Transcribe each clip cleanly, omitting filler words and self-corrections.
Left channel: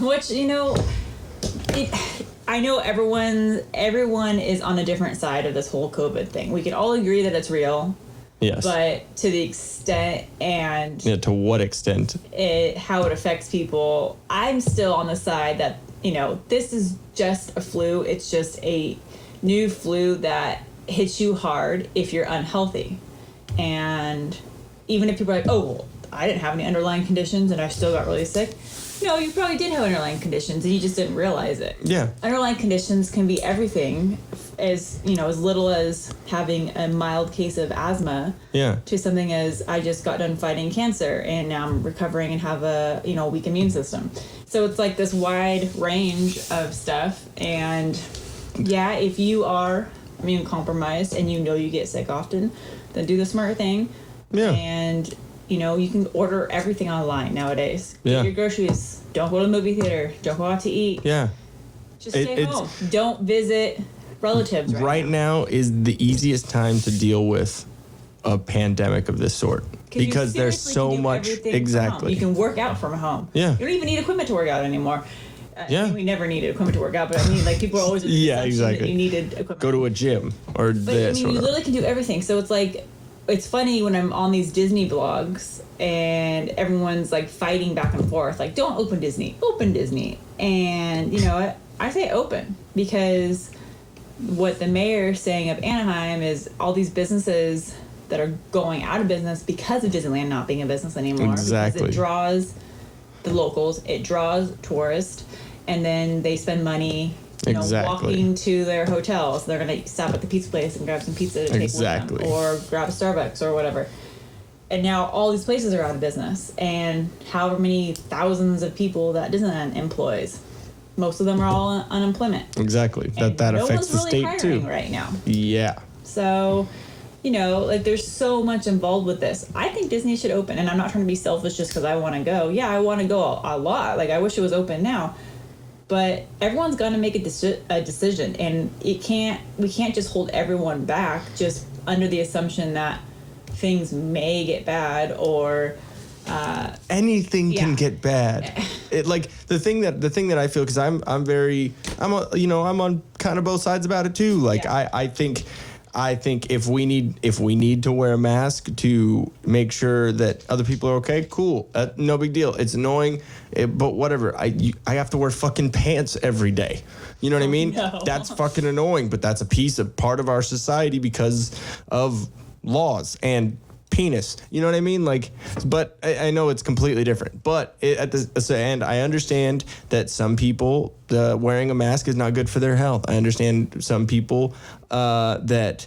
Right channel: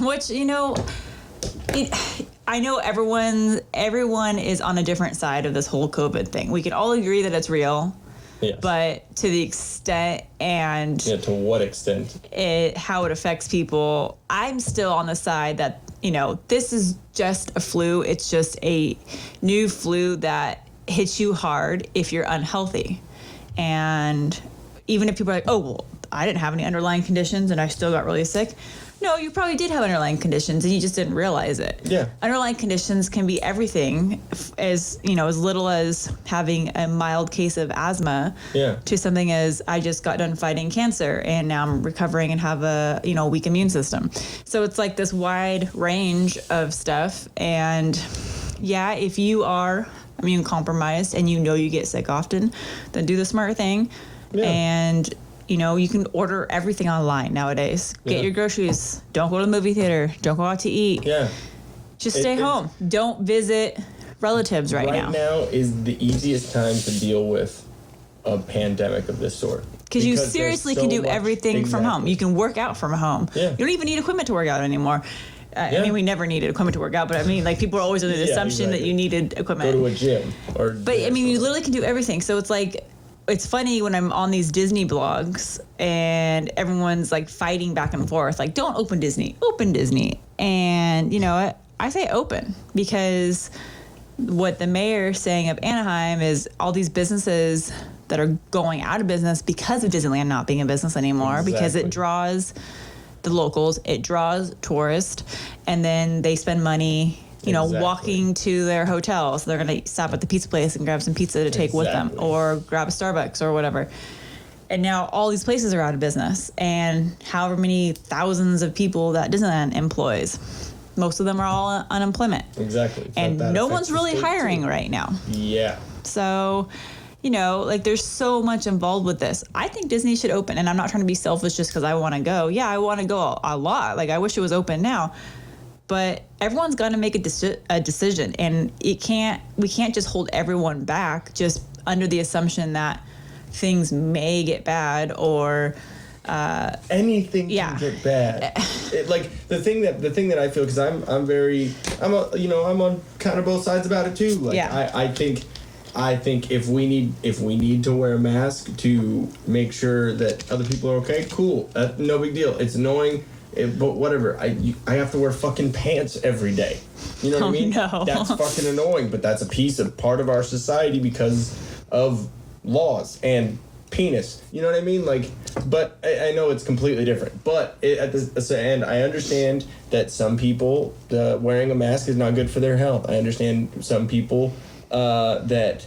which, I know everyone is on a different side of this whole COVID thing. We can all agree that it's real. Yes. But to the extent and... Yeah, to what extent? How it affects people, I'm still on the side that, this is just a flu. It's just a new flu that hits you hard if you're unhealthy. And even if people are like, oh, well, I didn't have any underlying conditions and I still got really sick. No, you probably did have underlying conditions and you just didn't realize it. Yeah. Underlying conditions can be everything, as little as having a mild case of asthma to something as I just got done fighting cancer and now I'm recovering and have a, weak immune system. So it's like this wide range of stuff. And yeah, if you are immune compromised and you get sick often, then do the smart thing. Yeah. And you can order everything online nowadays. Get your groceries. Don't go to the movie theater. Don't go out to eat. Yeah. Just stay home. Don't visit relatives right now. Right now is the easiest time to deal with a pandemic of this sort. Because you seriously can do everything from home. You can work out from home. Yeah. You don't even need equipment to work out anymore. I mean, we never needed equipment to work out, but I mean, people are always under the assumption that you needed equipment. Go to a gym or But I mean, you literally can do everything. So it's like... It's funny when I'm on these Disney blogs and everyone's fighting back and forth, don't open Disney. And you know what? I say open because what the mayor is saying of Anaheim is all these businesses that are going out of business because of Disneyland not being in business anymore, because it draws the locals, it draws tourists, and then they spend money walking to their hotel. So they're going to stop at the pizza place and grab some pizza to take with them or grab a Starbucks or whatever. And now all these places are out of business. And however many thousands of people that Disneyland employs, most of them are all unemployment. Exactly. And no one's really hiring right now. Yeah. So, there's so much involved with this. I think Disney should open. And I'm not trying to be selfish just because I want to go. Yeah, I want to go a lot. I wish it was open now. But everyone's got to make a decision, and we can't just hold everyone back just under the assumption that things may get bad or anything can get bad. The thing that I feel, because I'm on kind of both sides about it too. I think if we need to wear a mask to make sure that other people are okay, cool, no big deal. It's annoying. But whatever, I have to wear fucking pants every day. You know what I mean? No. That's fucking annoying, but that's part of our society because of laws and penis. You know what I mean? But I know it's completely different. But at the end, I understand that some people wearing a mask is not good for their health. I understand some people that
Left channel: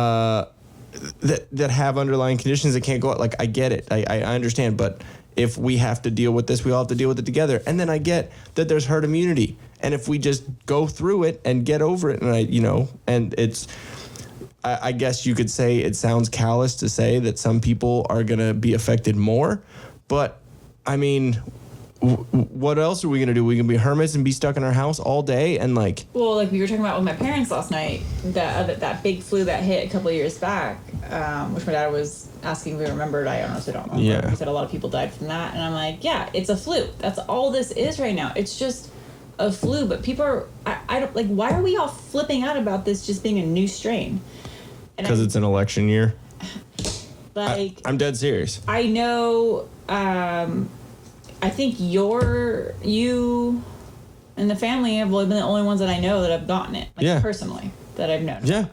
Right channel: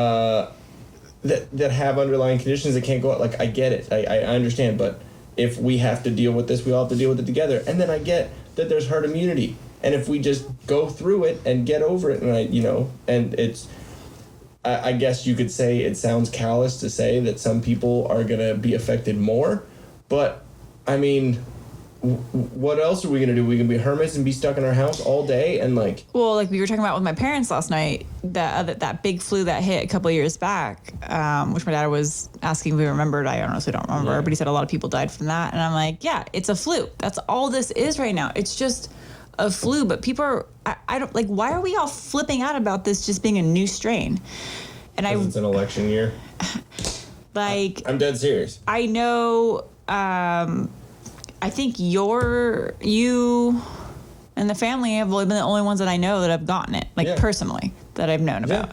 have underlying conditions that can't go out. I get it. I understand, but if we have to deal with this, we all have to deal with it together. And then I get that there's herd immunity. And if we just go through it and get over it, and it's, I guess you could say it sounds callous to say that some people are going to be affected more. But, I mean, what else are we going to do? We can be hermits and be stuck in our house all day and Well, we were talking about with my parents last night, that big flu that hit a couple of years back, which my dad was asking if we remembered. I honestly don't remember, but he said a lot of people died from that. And I'm like, yeah, it's a flu. That's all this is right now. It's just a flu. But people are, I don't, why are we all flipping out about this just being a new strain? Because it's an election year. I'm dead serious. I know, I think you and the family have really been the only ones that I know that have gotten it, personally, that I've known about.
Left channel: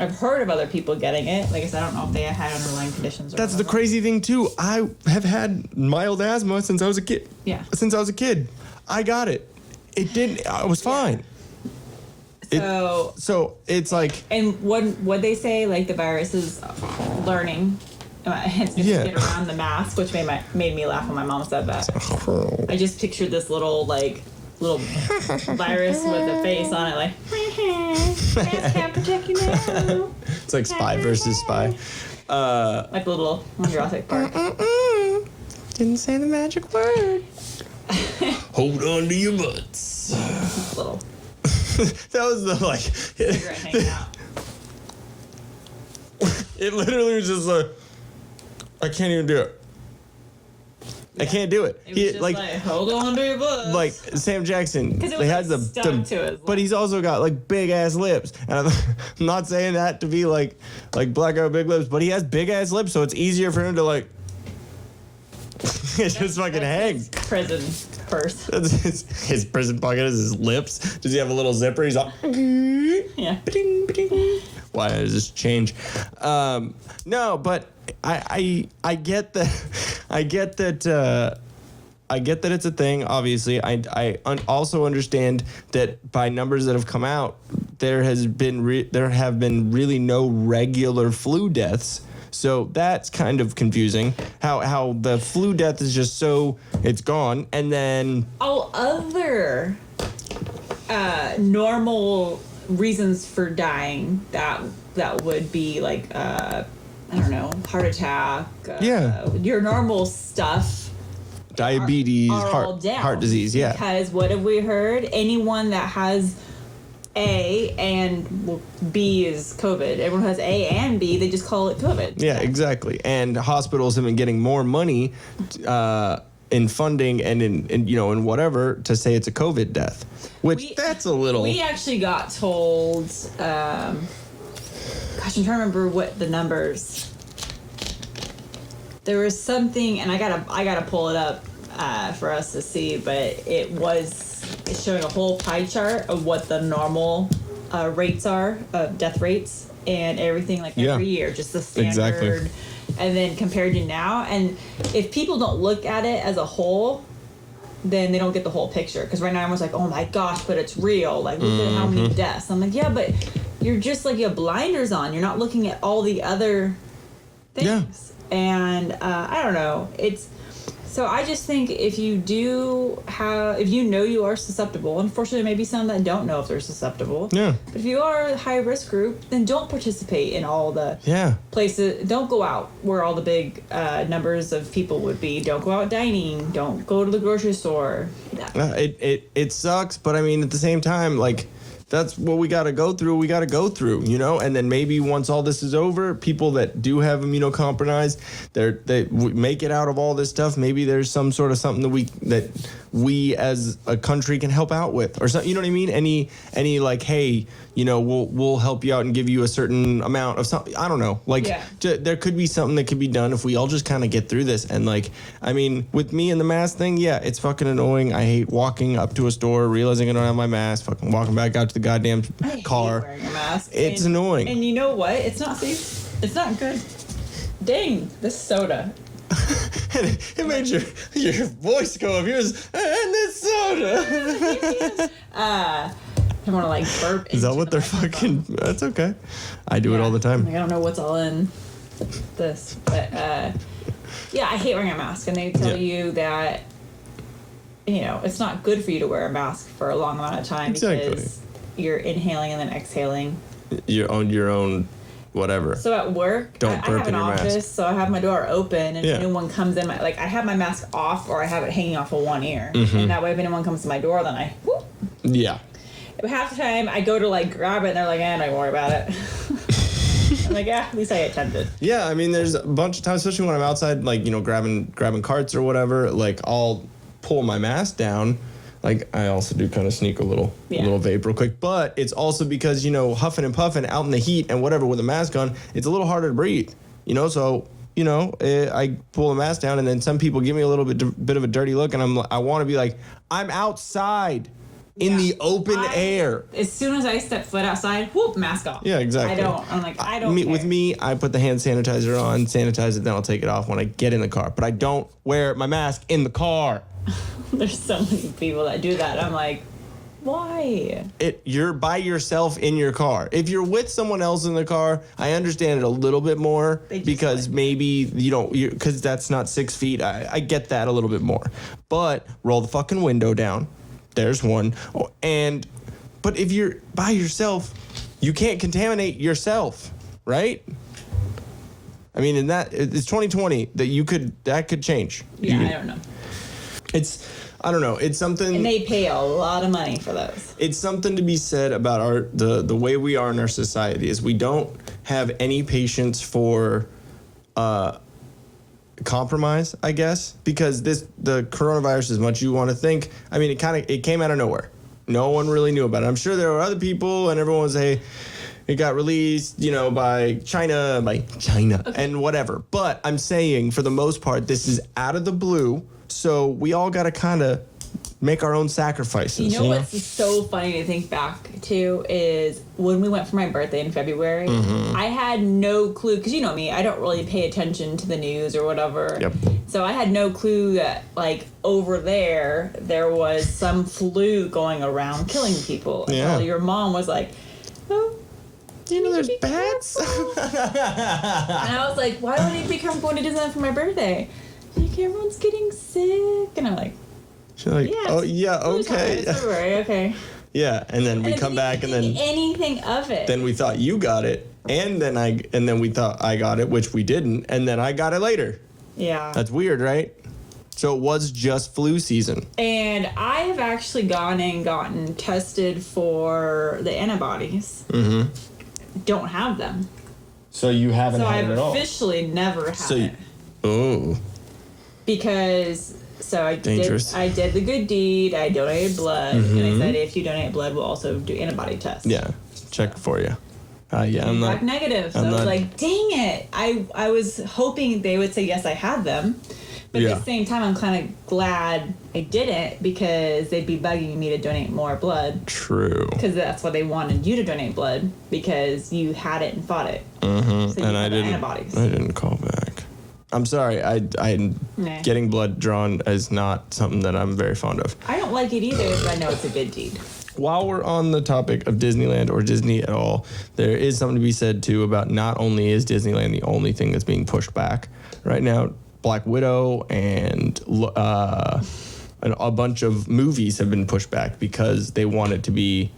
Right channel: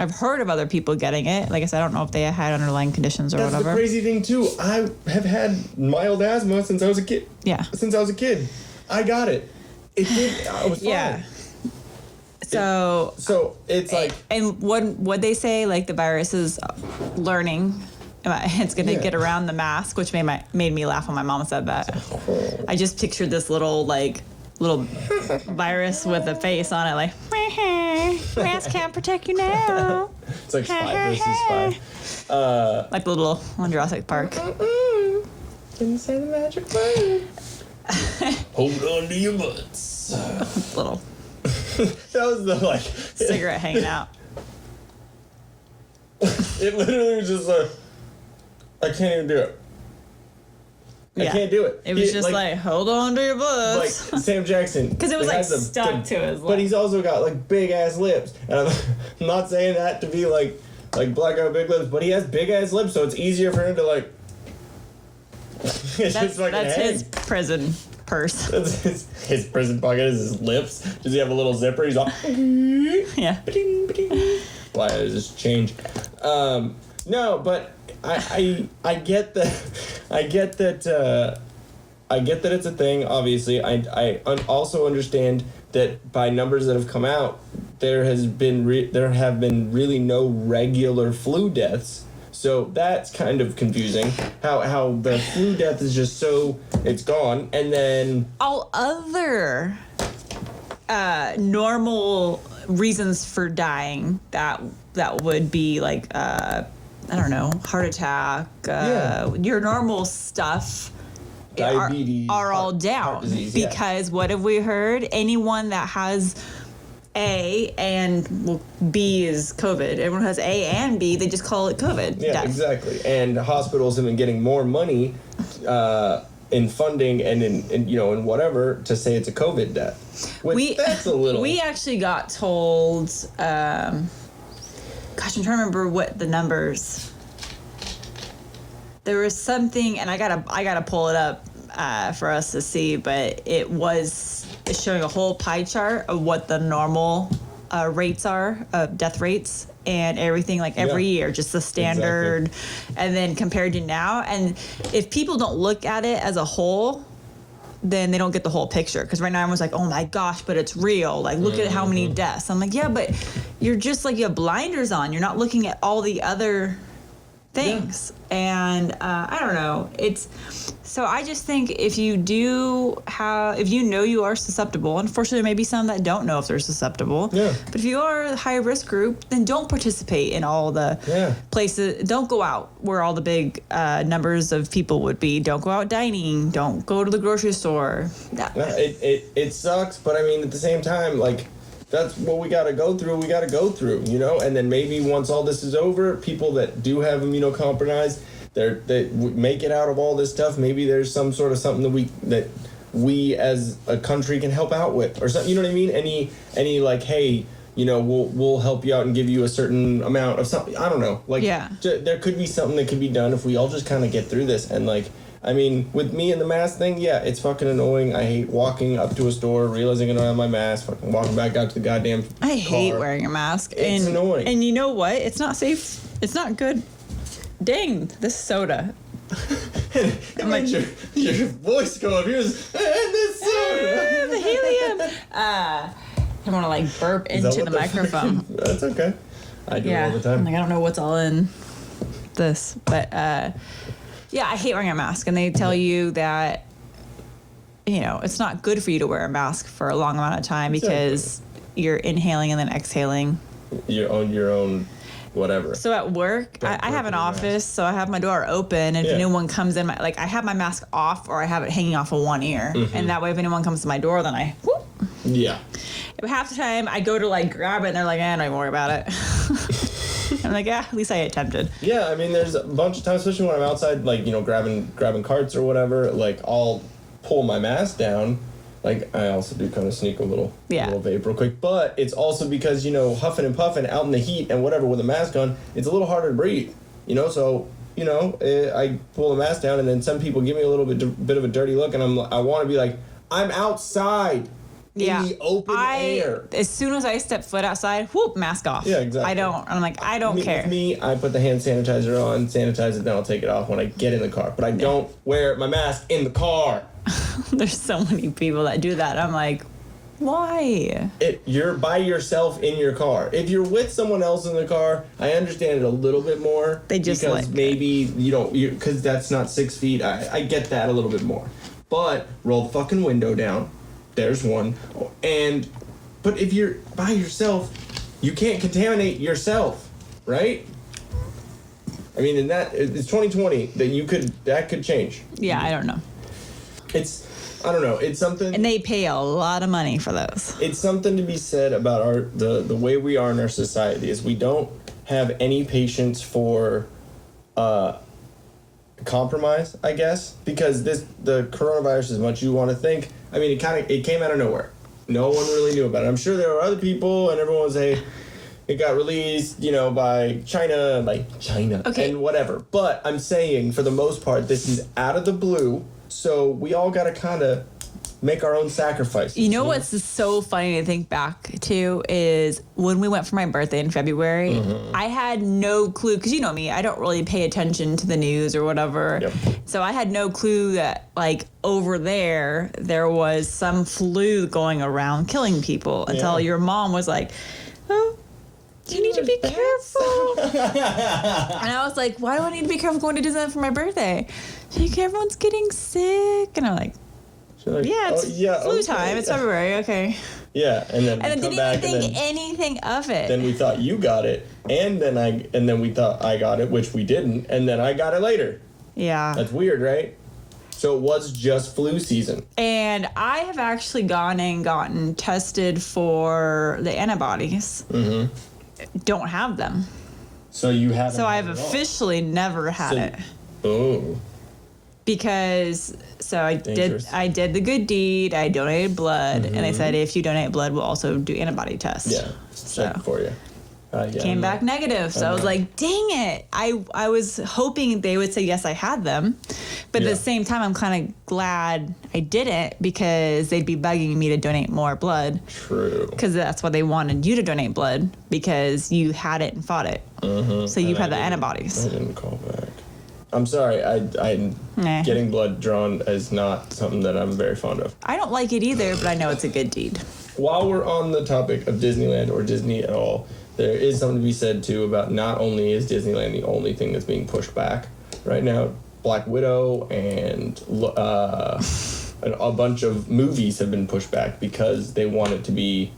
I've heard of other people getting it. Like I said, I don't know if they had underlying conditions or whatever. That's the crazy thing, too. I have had mild asthma since I was a kid. Yeah. Since I was a kid. I got it. I was fine. Yeah. So it's And what they say, the virus is learning. It's going to get around the mask, which made me laugh when my mom said that. I just pictured this little virus with a face on it, mask can't protect you now. It's like Spy versus Spy. Like the little on Jurassic Park. Didn't say the magic word. Hold on to your butts. Little. That was the cigarette hanging out. It literally was just I can't even do it. I can't do it. It was just like, hold on to your butts. Like Sam Jackson. Because it was like stuck to his lip. But he's also got like big ass lips. And I'm not saying that to be like black guy with big lips, but he has big ass lips, so it's easier for him to like. It's just fucking his prison purse. His prison pocket is his lips. Does he have a little zipper? He's all. Yeah. Why does this change? No, but I get that. I get that. I get that it's a thing. Obviously, I also understand that by numbers that have come out, there have been really no regular flu deaths. So that's kind of confusing. How the flu death is just so it's gone, and then all other normal reasons for dying that would be like I don't know, heart attack, your normal stuff, diabetes, are all down, heart disease, because what have we heard? Anyone that has A and B is COVID. Everyone has A and B, they just call it COVID. Yeah, exactly. And hospitals have been getting more money in funding and in whatever to say it's a COVID death. Which that's a little. We actually got told. Gosh, I'm trying to remember what the numbers. There was something, and I gotta pull it up for us to see, but it's showing a whole pie chart of what the normal rates are of death rates and everything, like every year, just the standard, and then compared to now. And if people don't look at it as a whole, then they don't get the whole picture. Because right now everyone's like, oh my gosh, but it's real. Like, look at how many deaths. I'm like, yeah, but you're just like, you have blinders on. You're not looking at all the other things. Yeah. And I don't know. So I just think if you know you are susceptible, unfortunately there may be some that don't know if they're susceptible. Yeah. But if you are a high risk group, then don't participate in all the places. Don't go out where all the big numbers of people would be. Don't go out dining. Don't go to the grocery store. It sucks, but I mean at the same time, like, that's what we got to go through, you know? And then maybe once all this is over, people that do have immunocompromised, they make it out of all this stuff. Maybe there's some sort of something that we as a country can help out with, or something, you know what I mean? Any like, hey, you know, we'll help you out and give you a certain amount of something. I don't know. Like, there could be something that could be done if we all just kind of get through this. And, like, I mean, with me and the mask thing, it's fucking annoying. I hate walking up to a store, realizing I don't have my mask, fucking walking back out to the goddamn car. I hate wearing a mask. It's annoying. And you know what? It's not safe. It's not good. Dang, this soda. It makes your voice go up. Here's this soda. Helium. I want to like burp into the microphone. That's okay. I do it all the time. Like, I don't know what's all in this, but I hate wearing a mask. And they tell you that, you know, it's not good for you to wear a mask for a long amount of time because you're inhaling and then exhaling. Your own whatever. So at work, I have an office, so I have my door open, and if anyone comes in, I have my mask off or I have it hanging off of one ear, and that way if anyone comes to my door, then I whoop. Yeah. But half the time I go to like grab it and they're like, don't worry about it. I'm like, at least I attempted. Yeah, I mean, there's a bunch of times, especially when I'm outside, like, you know, grabbing carts or whatever, like, I'll pull my mask down. Like, I also do kind of sneak a little vape real quick. But it's also because, you know, huffing and puffing out in the heat and whatever with a mask on, it's a little harder to breathe, you know? So, you know, I pull the mask down and then some people give me a little bit of a dirty look and I want to be like, I'm outside. In the open air. As soon as I step foot outside, whoop, mask off. Yeah, exactly. I don't care. With me, I put the hand sanitizer on, sanitize it, then I'll take it off when I get in the car. But I don't wear my mask in the car. There's so many people that do that. I'm like, why? You're by yourself in your car. If you're with someone else in the car, I understand it a little bit more. Because maybe you don't, because that's not 6 feet. I get that a little bit more. But roll the fucking window down. There's one. But if you're by yourself, you can't contaminate yourself, right? I mean, it's 2020 that could change. Yeah, I don't know. I don't know. It's something. And they pay a lot of money for those. It's something to be said about the way we are in our society is we don't have any patience for compromise, I guess, because the coronavirus, as much as you want to think, I mean, it came out of nowhere. No one really knew about it. I'm sure there were other people, and everyone was it got released, by China, okay. and whatever. But I'm saying, for the most part, this is out of the blue, so we all got to kind of make our own sacrifices. You know what's so funny to think back to is when we went for my birthday in February, I had no clue, because you know me, I don't really pay attention to the news or whatever. Yep. So I had no clue that, over there was some flu going around killing people until your mom was like, oh, do you need to be careful? And I was like, why do I need to be careful going to Disneyland for my birthday? She's like, everyone's getting sick. And I'm like, she's like, yeah, it's flu time. It's February, okay. Yeah, and then we come back and then anything of it. Then we thought you got it, and then we thought I got it, which we didn't, and then I got it later. Yeah. That's weird, right? So it was just flu season. And I have actually gone and gotten tested for the antibodies. Don't have them. So you haven't had it at all? So I've officially never had it. Oh. Because I Dangerous. did the good deed. I donated blood, and they said if you donate blood, we'll also do antibody tests. Yeah, check for you. Came back negative, so I was like, dang it. I was hoping they would say yes, I had them, but at the same time, I'm kind of glad I didn't, because they'd be bugging me to donate more blood. True. Because that's why they wanted you to donate blood, because you had it and fought it. So you had the antibodies. I didn't call back. I'm sorry. Getting blood drawn is not something that I'm very fond of. I don't like it either, but I know it's a good deed. While we're on the topic of Disneyland or Disney at all, there is something to be said too about not only is Disneyland the only thing that's being pushed back right now. Black Widow and a bunch of movies have been pushed back because they want it to be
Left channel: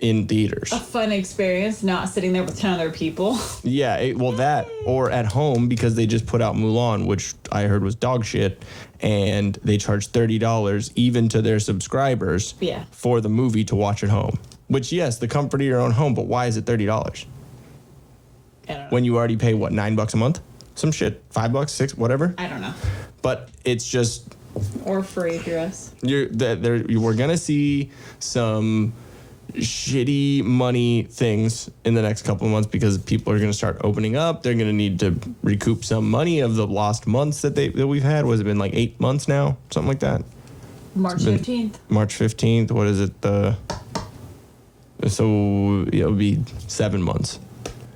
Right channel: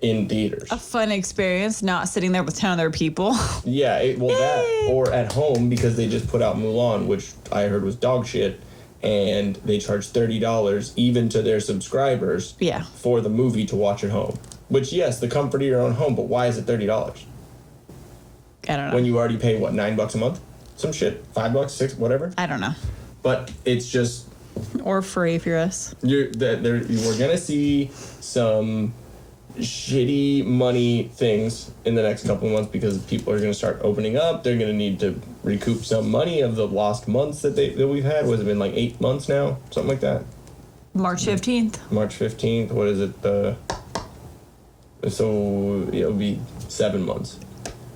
in theaters. A fun experience, not sitting there with 10 other people. Yeah, that, or at home, because they just put out Mulan, which I heard was dog shit, and they charge $30 even to their subscribers for the movie to watch at home. Which, yes, the comfort of your own home, but why is it $30? I don't know. When you already pay, what, $9 a month? Some shit. $5, $6, whatever? I don't know. But it's just... Or free if you're us. We're going to see some shitty money things in the next couple of months because people are going to start opening up. They're going to need to recoup some money of the lost months that we've had. Was it been 8 months now? Something like that. March 15th. March 15th. What is it? So it would be 7 months.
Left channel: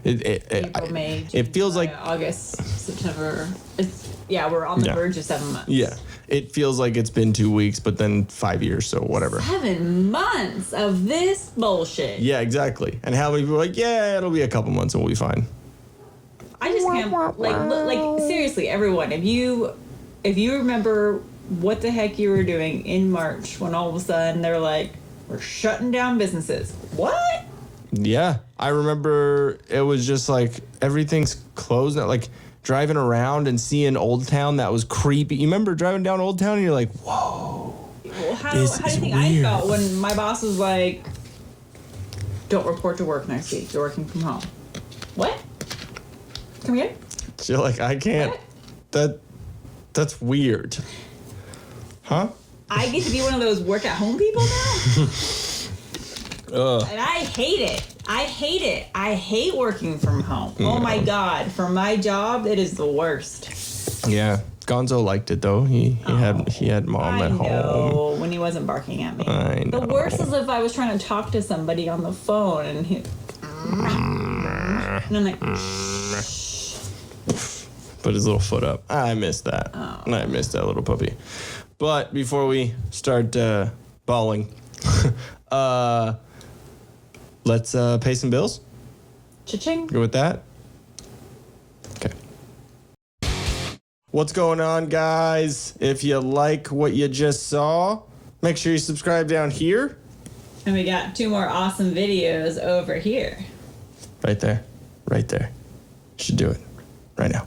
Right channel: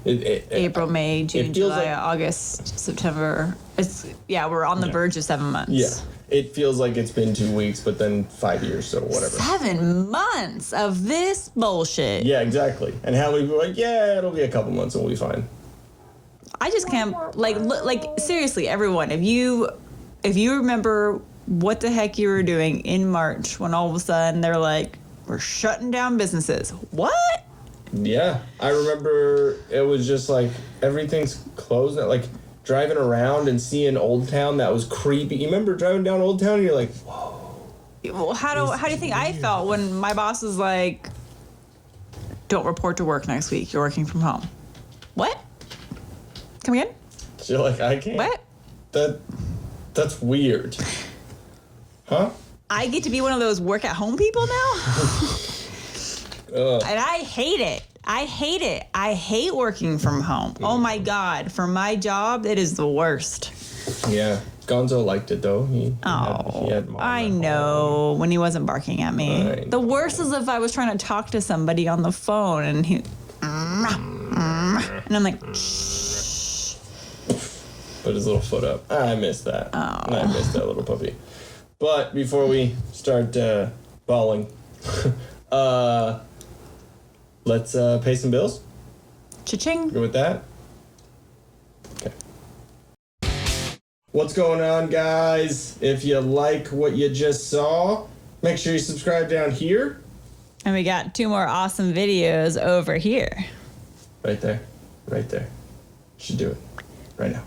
April, May, June, July, August, September. We're on the verge of 7 months. Yeah. It feels like it's been 2 weeks, but then 5 years, so whatever. 7 months of this bullshit. Yeah, exactly. And how many people are like, yeah, it'll be a couple months and we'll be fine. I just can't, seriously, everyone, if you remember what the heck you were doing in March when all of a sudden they're like, we're shutting down businesses. What? Yeah. I remember it was just like everything's closed. Like driving around and seeing Old Town, that was creepy. You remember driving down Old Town and you're like, whoa. Well, how do you think I felt when my boss was like, don't report to work next week. You're working from home. What? Come again? So you're like, I can't. What? That's weird. Huh? I get to be one of those work at home people now? And I hate it. I hate working from home. Oh my God. For my job, it is the worst. Yeah. Gonzo liked it though. He had mom at home. I know, when he wasn't barking at me. The worst is if I was trying to talk to somebody on the phone and he... And I'm like... Put his little foot up. I missed that. Oh. I missed that little puppy. But before we start bawling... let's pay some bills. Cha-ching. Go with that? Okay. What's going on, guys? If you like what you just saw, make sure you subscribe down here. And we got 2 more awesome videos over here. Right there. Right there. Should do it. Right now.